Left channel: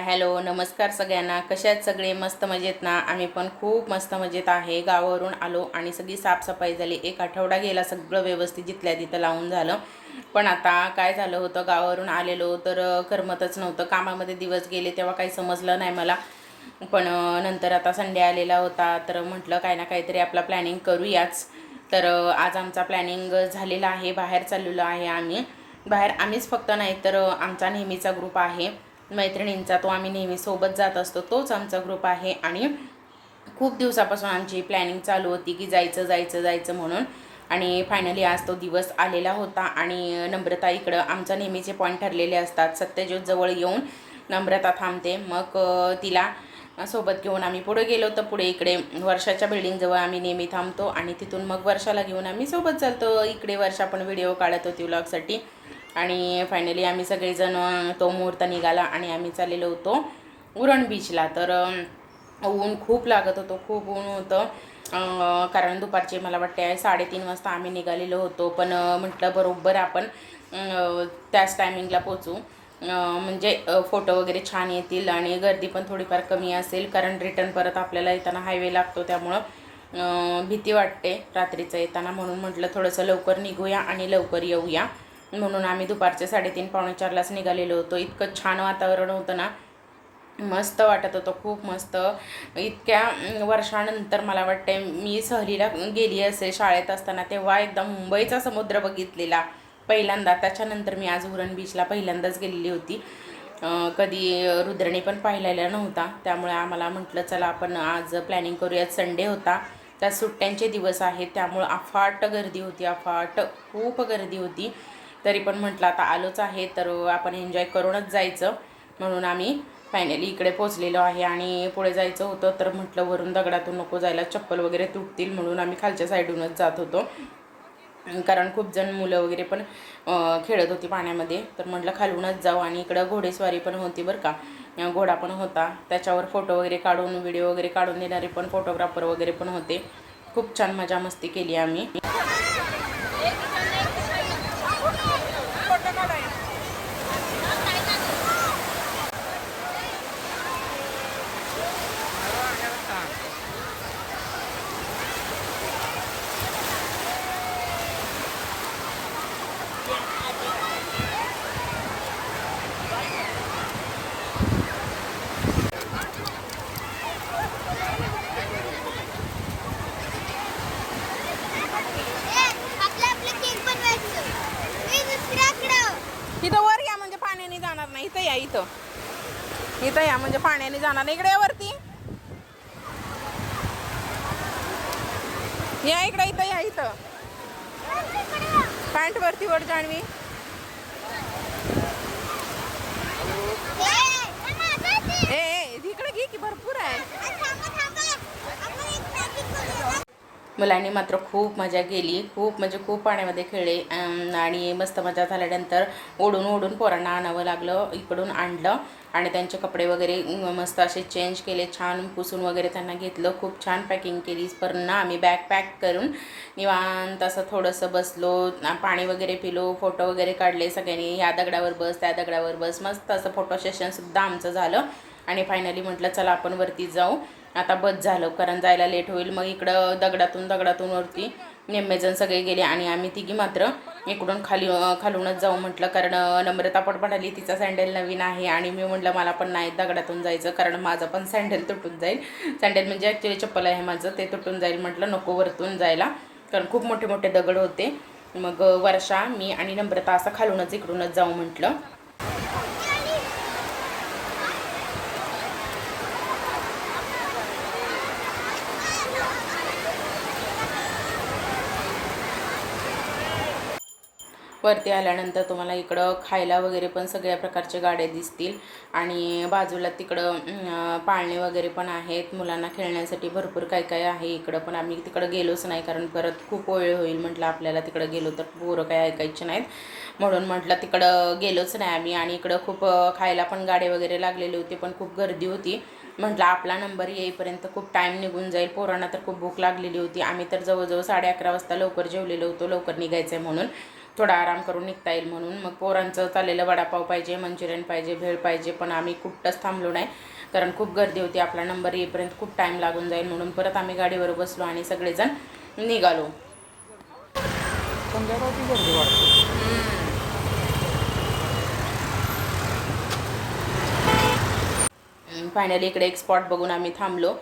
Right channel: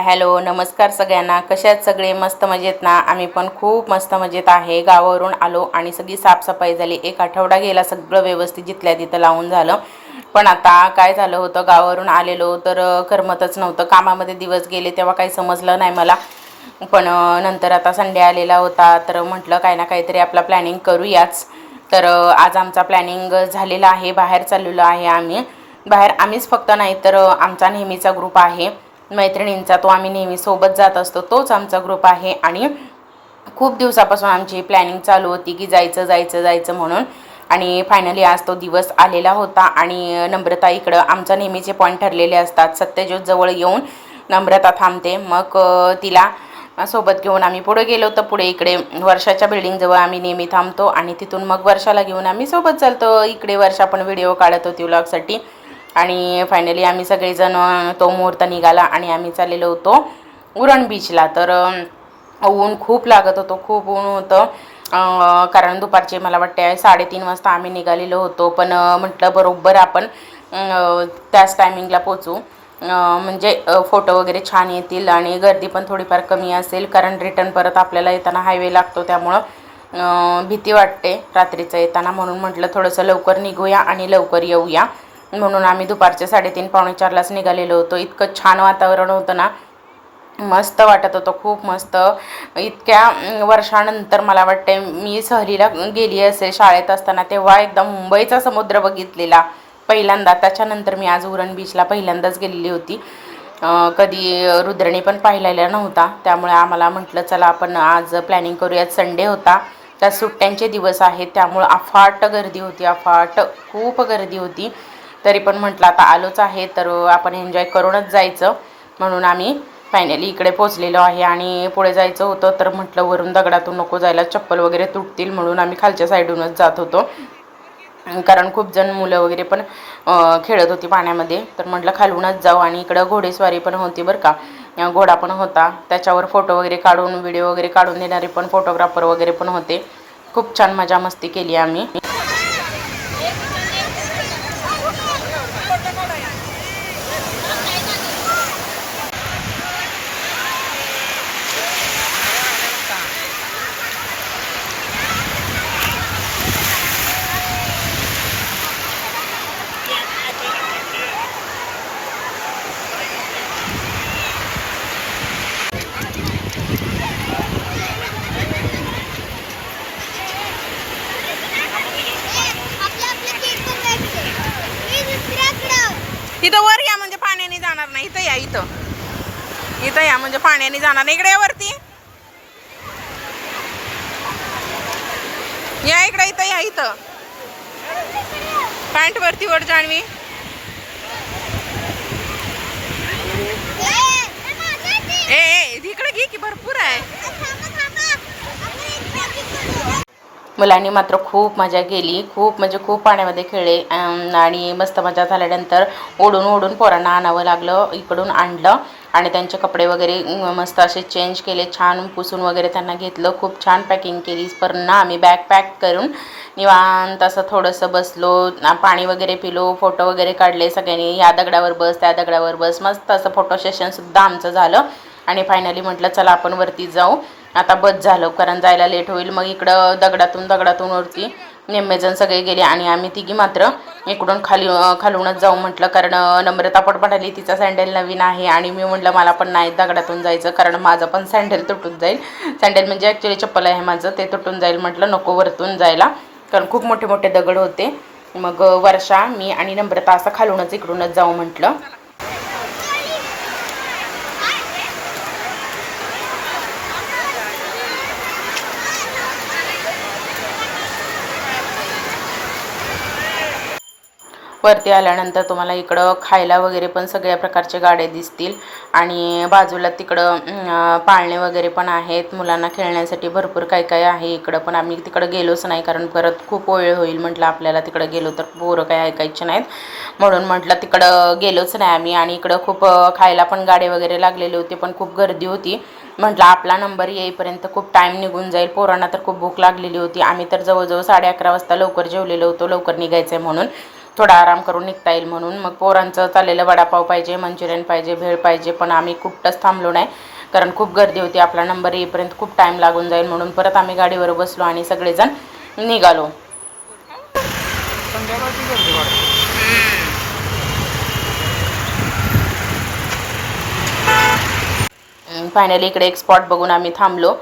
Hi hello नमस्कार सगळ्यांना. कशात सगळे मस्त मजेत ना. आम्ही पण खूप मस्त मजेत आहे. गावावरून आलो आणि सगळी साफसफाई झाली. एक आठवडा गेला सगळं व्यवस्थित जिथल्या तिथं लावून झालं. पण आता काय झालं होतं, गावावरून आलेलो तर करमतच नव्हतं. कामामध्ये दिवस गेले तेव्हा काही समजलं नाही मला. पण नंतर आता संडे आलेला होता तर म्हटलं काही ना काहीतरी आपला प्लॅनिंग करूयाच. तर आज आमचा प्लॅनिंग झालेला आहे. बाहेर चाललेलो आहे आम्ही. बाहेर आम्हीच फक्त नाही तर आमचा नेहमीचा ग्रुप आहे मैत्रिणींचा. तो आम्ही नेहमी सोबत जात असतो, तोच आमचा ग्रुप आहे. आणि खूप दिवसापासून आमची प्लॅनिंग चालू होती की जायचं जायचं जायचं म्हणून. आणि फायनली आज तो दिवस आलेला होता. आणि नम्रता इकडं आमचा नेहमीचे पॉईंट ठरलेले असतात. सत्यज्योत जवळ येऊन नम्रता थांबते, मग तिला सोबत घेऊन आम्ही पुढे गेलो. तर पुढे इकडे वर्षाच्या बिल्डिंगजवळ आम्ही नेहमी थांबतो आणि तिथून मग वर्षाला घेऊन आम्ही सोबत चालतो. इकडे वर्षा पण व्हिडिओ काढत होती व्लॉगसाठी. आणि फायनली आम्ही सगळेजण तो मुहूर्त निघाला आणि आम्ही चाललेलो होतो उरण बीचला. तर ऊन खूप लागत होतं, खूप ऊन होतं. कारण दुपारचे मला वाटते 3:30 वाजता आम्ही निघालेलो होतो. पण म्हटलं बरोबर आपण त्याच टायमिंगला पोचू, म्हणजे फोटो वगैरे छान येतील आणि गर्दी पण थोडीफार कमी असेल. कारण रिटर्न परत आपल्याला येताना हायवे लागतो, त्यामुळं भीती वाटते रात्रीचं येताना. म्हणून म्हटलं थोडंसं लवकर निघूया आणि लवकर येऊया. म्हणून आम्ही दुपारचे 3:30 पावणे 4लाच निघालेलो होतो. इतकं छान वातावरण होतं ना, मस्त वाटत होतं, खूप मस्त. इतक्या वर्षानंतर मला वाटते मी सहलीला गेली असेल शाळेत असताना, तेव्हा एकदा मुंबईचा समुद्र बघितलेला पहिल्यांदा. त्याच्यानंतर मी आज उरण बीचला पहिल्यांदाच गेलेली होती. कधी रुद्रणी पण पाहिलेला नव्हता. त्यामुळे आम्हाला म्हटलं चला आपण आज प्लॅनिंग करूयात. संडे होता, त्या सुट्ट्यांचे दिवस आहेत, त्यामुळं अफाट गर्दी होती, अफाट खूप गर्दी होती. तरी पण म्हटलं आता आलोच आहे तर आपण एन्जॉय करूनच जायचं. म्हणून आम्ही फायनली इकडे पोचलेलो आहे. आणि पुढे जायचं होतं तर म्हटलं वरून दगडातून नको जायला, चप्पल वगैरे तुटतील, म्हणून आम्ही खालच्या साईडूनच जात होतो. कारण खूप जण मुलं वगैरे पण खेळत होती पाण्यामध्ये. तर म्हटलं खालूनच जाऊ. आणि इकडं घोडेस्वारी पण होती बरं का, घोडा पण होता. त्याच्यावर फोटो वगैरे काढून व्हिडिओ वगैरे काढून देणारे पण फोटोग्राफर वगैरे पण होते. खूप छान मजा मस्ती केली आम्ही. इथं वर या म्हणजे पाण्याने जाणार नाही. इथं या, इथं इथं या म्हणजे पाण्याने जाणार नाही. इकडे या वरती या, इकडे इथं या, इथं पॅन्ट वरती वर जाणवी. ए इकडे घे की भरपूर आहे. मुलांनी मात्र खूप मजा केली, खूप म्हणजे खूप पाण्यामध्ये खेळले. आणि मस्त मजा झाल्यानंतर ओढून ओढून पोरांना आणावं लागलं, इकडून आणलं. आणि त्यांचे कपडे वगैरे मस्त असे चेंज केले, छान पुसून वगैरे त्यांना घेतलं. खूप छान पॅकिंग केली. पुन्हा आम्ही बॅग पॅक करून निवांत असं थोडंसं बसलो, पाणी वगैरे पिलो, फोटो वगैरे काढले सगळ्यांनी. या दगडावर बस, त्या दगडावर बस, मस्त असं फोटो सेशनसुद्धा आमचं झालं. आणि फायनली म्हटलं चला आपण वरती जाऊ, आता बस झालं कारण जायला लेट होईल. मग इकडं दगडातून वरती निम्मेजण सगळे गेले आणि आम्ही तिघी मात्र इकडून खालूनच जाऊ म्हटलं. कारण नम्रता पण म्हणाली तिचा सँडल नवीन आहे आणि मी म्हटलं मला पण नाही दगडातून जायचं, कारण माझं पण सँडल तुटून जाईल. सँडल म्हणजे ॲक्च्युली चप्पल आहे माझं, ते तुटून जाईल. म्हटलं नको वरतून जायला, कारण खूप मोठे मोठे दगड होते. मग वर्षा, मी आणि नम्रता असं खालूनच इकडूनच जाऊ म्हटलं. वरती आल्यानंतर तुम्हाला इकडं खायला वगैरे पण सगळ्या प्रकारचे गाड्या दिसतील. आणि बाजूला तिकडं पाळणे वगैरे पण आहेत, मुलांना खेळण्यासाठी भरपूर काय काय आहे इकडं. पण आम्ही तिकडं गेलोच नाही, कारण परत खूप वेळ होईल म्हटलं आपल्याला. तिकडं गेलो तर पोरं काय ऐकायचे नाहीत, म्हणून म्हटलं तिकडं गेलोच नाही आम्ही. आणि इकडं खूप खायला पण गाडे वगैरे लागलेले होते, पण खूप गर्दी होती. म्हटलं आपला नंबर येईपर्यंत खूप टाईम निघून जाईल. पोरांना तर खूप भूक लागलेली होती. आम्ही तर जवळजवळ 11:30 वाजता लवकर जेवलेलो होतो, लवकर निघायचं आहे म्हणून. थोडा आराम करून निघता येईल म्हणून. मग पोरांचं चाललेलं वडापाव पाहिजे, मंचुरियन पाहिजे, भेळ पाहिजे, पण आम्ही कुठंच थांबलो नाही कारण खूप गर्दी होती. आपला नंबर येईपर्यंत खूप टाईम लागून जाईल म्हणून परत आम्ही गाडीवर बसलो आणि सगळेजण निघालो. फायनली इकडे एक स्पॉट बघून आम्ही थांबलो.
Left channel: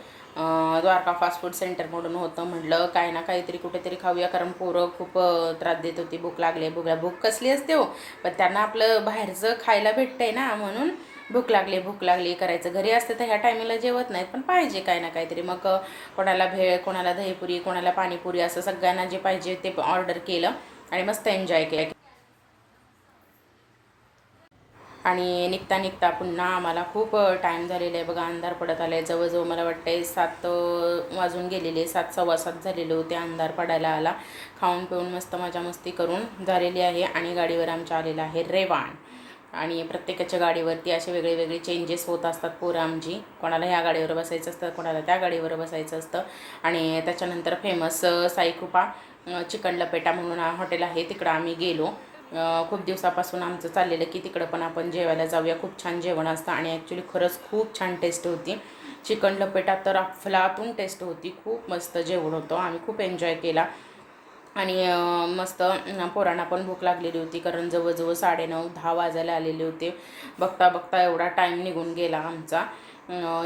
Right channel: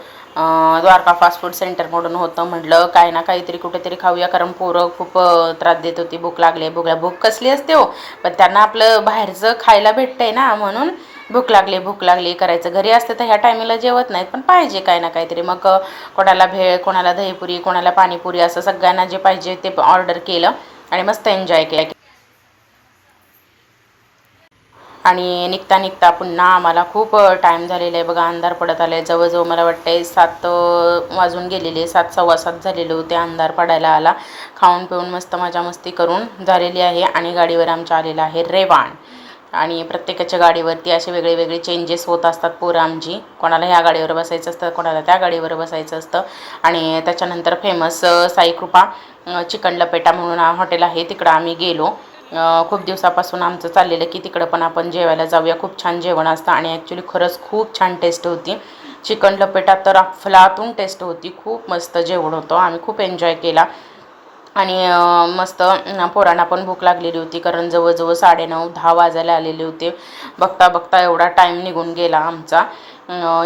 द्वारका फास्ट फूड सेंटर म्हणून होतं. म्हटलं काय ना काहीतरी कुठेतरी खाऊया कारण पोरं खूप त्रास देत होती. भूक लागली. भूक कसली असते हो, पण त्यांना आपलं बाहेरचं खायला भेटतंय ना म्हणून भूक लागली करायचं. घरी असते तर ह्या टायमिंगला जेवत नाहीत, पण पाहिजे काय ना काहीतरी. मग कोणाला भेळ, कोणाला दहीपुरी, कोणाला पाणीपुरी, असं सगळ्यांना जे पाहिजे ते ऑर्डर केलं आणि मस्त एन्जॉय केलं. आणि निघता निघता पुन्हा आम्हाला खूप टाईम झालेला आहे बघा. अंधार पडत आले. जवळजवळ मला वाटतं 7 वाजून गेलेले, 7 सव्वा 7 झालेले होते. अंधार पडायला आला. खाऊन पिऊन मस्त मजा मस्ती करून झालेली आहे आणि गाडीवर आमच्या आलेला आहे रेवाण. आणि प्रत्येकाच्या गाडीवरती असे वेगळे वेगळे चेंजेस होत असतात. पोरं आमची कोणाला ह्या गाडीवर बसायचं असतं, कोणाला त्या गाडीवर बसायचं असतं. आणि त्याच्यानंतर फेमस साईकृपा चिकन लपेटा म्हणून हॉटेल आहे, तिकडं आम्ही गेलो. खूप दिवसापासून आमचं चाललेलं की तिकडं पण आपण जेवायला जाऊया. खूप छान जेवण असतं आणि ॲक्च्युली खरंच खूप छान टेस्ट होती. चिकन लपेटा तर अफलातून टेस्ट होती. खूप मस्त जेवण होतं. आम्ही खूप एन्जॉय केला आणि मस्त पोरांना पण भूक लागलेली होती कारण जवळजवळ 9:30-10 वाजायला आलेले होते. बघता बघता एवढा टाईम निघून गेला आमचा.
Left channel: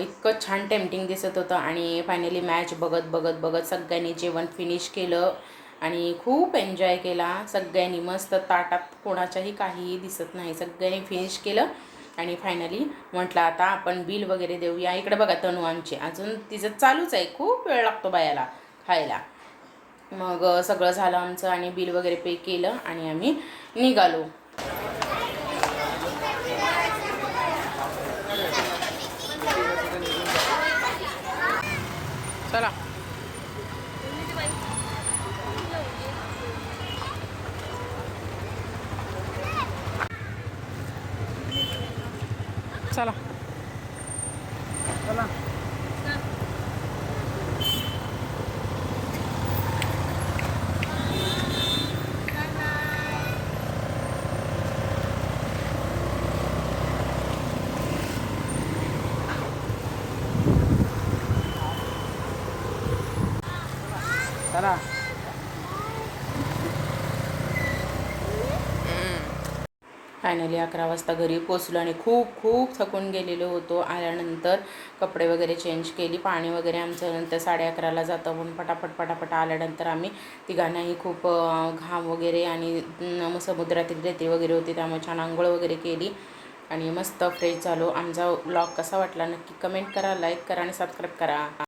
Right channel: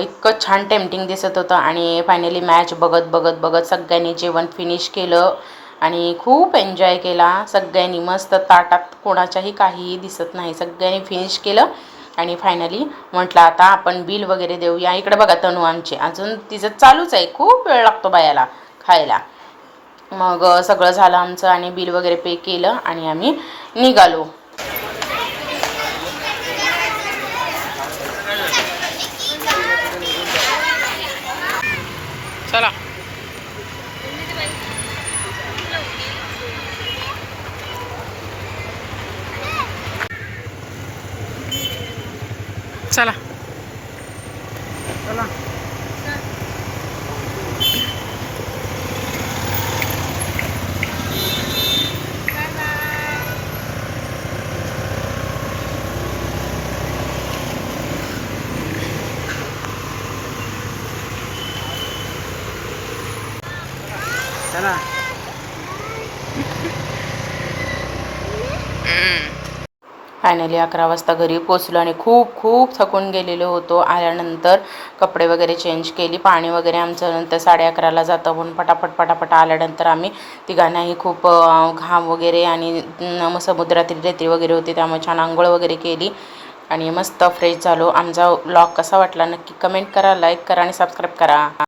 इतकं छान टेम्पटिंग दिसत होतं आणि फायनली मॅच बघत बघत बघत सगळ्यांनी जेवण फिनिश केलं आणि खूप एन्जॉय केला सगळ्यांनी. मस्त ताटात कोणाच्याही काहीही दिसत नाही, सगळ्यांनी फिनिश केलं. आणि फायनली म्हटलं आता आपण बिल वगैरे देऊया. इकडे बघा तनू आमची अजून तिचं चालूच आहे, खूप वेळ लागतो बायाला खायला. मग सगळं झालं आमचं आणि बिल वगैरे पे केलं आणि आम्ही निघालो. चला चला चला चला. फायनली 11 वाजता घरी पोचलो आणि खूप खूप थकून गेलेलो होतो. आल्यानंतर कपडे वगैरे चेंज केली. पाणी वगैरे आमचं नंतर 11:30ला जातं म्हणून पटापट आल्यानंतर आम्ही तिघांनाही खूप घाम वगैरे आणि समुद्रातील रेती वगैरे होती त्यामुळे छान आंघोळ वगैरे केली आणि मस्त फ्रेश झालो. आमचा व्लॉग कसा वाटला नक्की कमेंट करा, लाईक करा आणि सबस्क्राईब करा.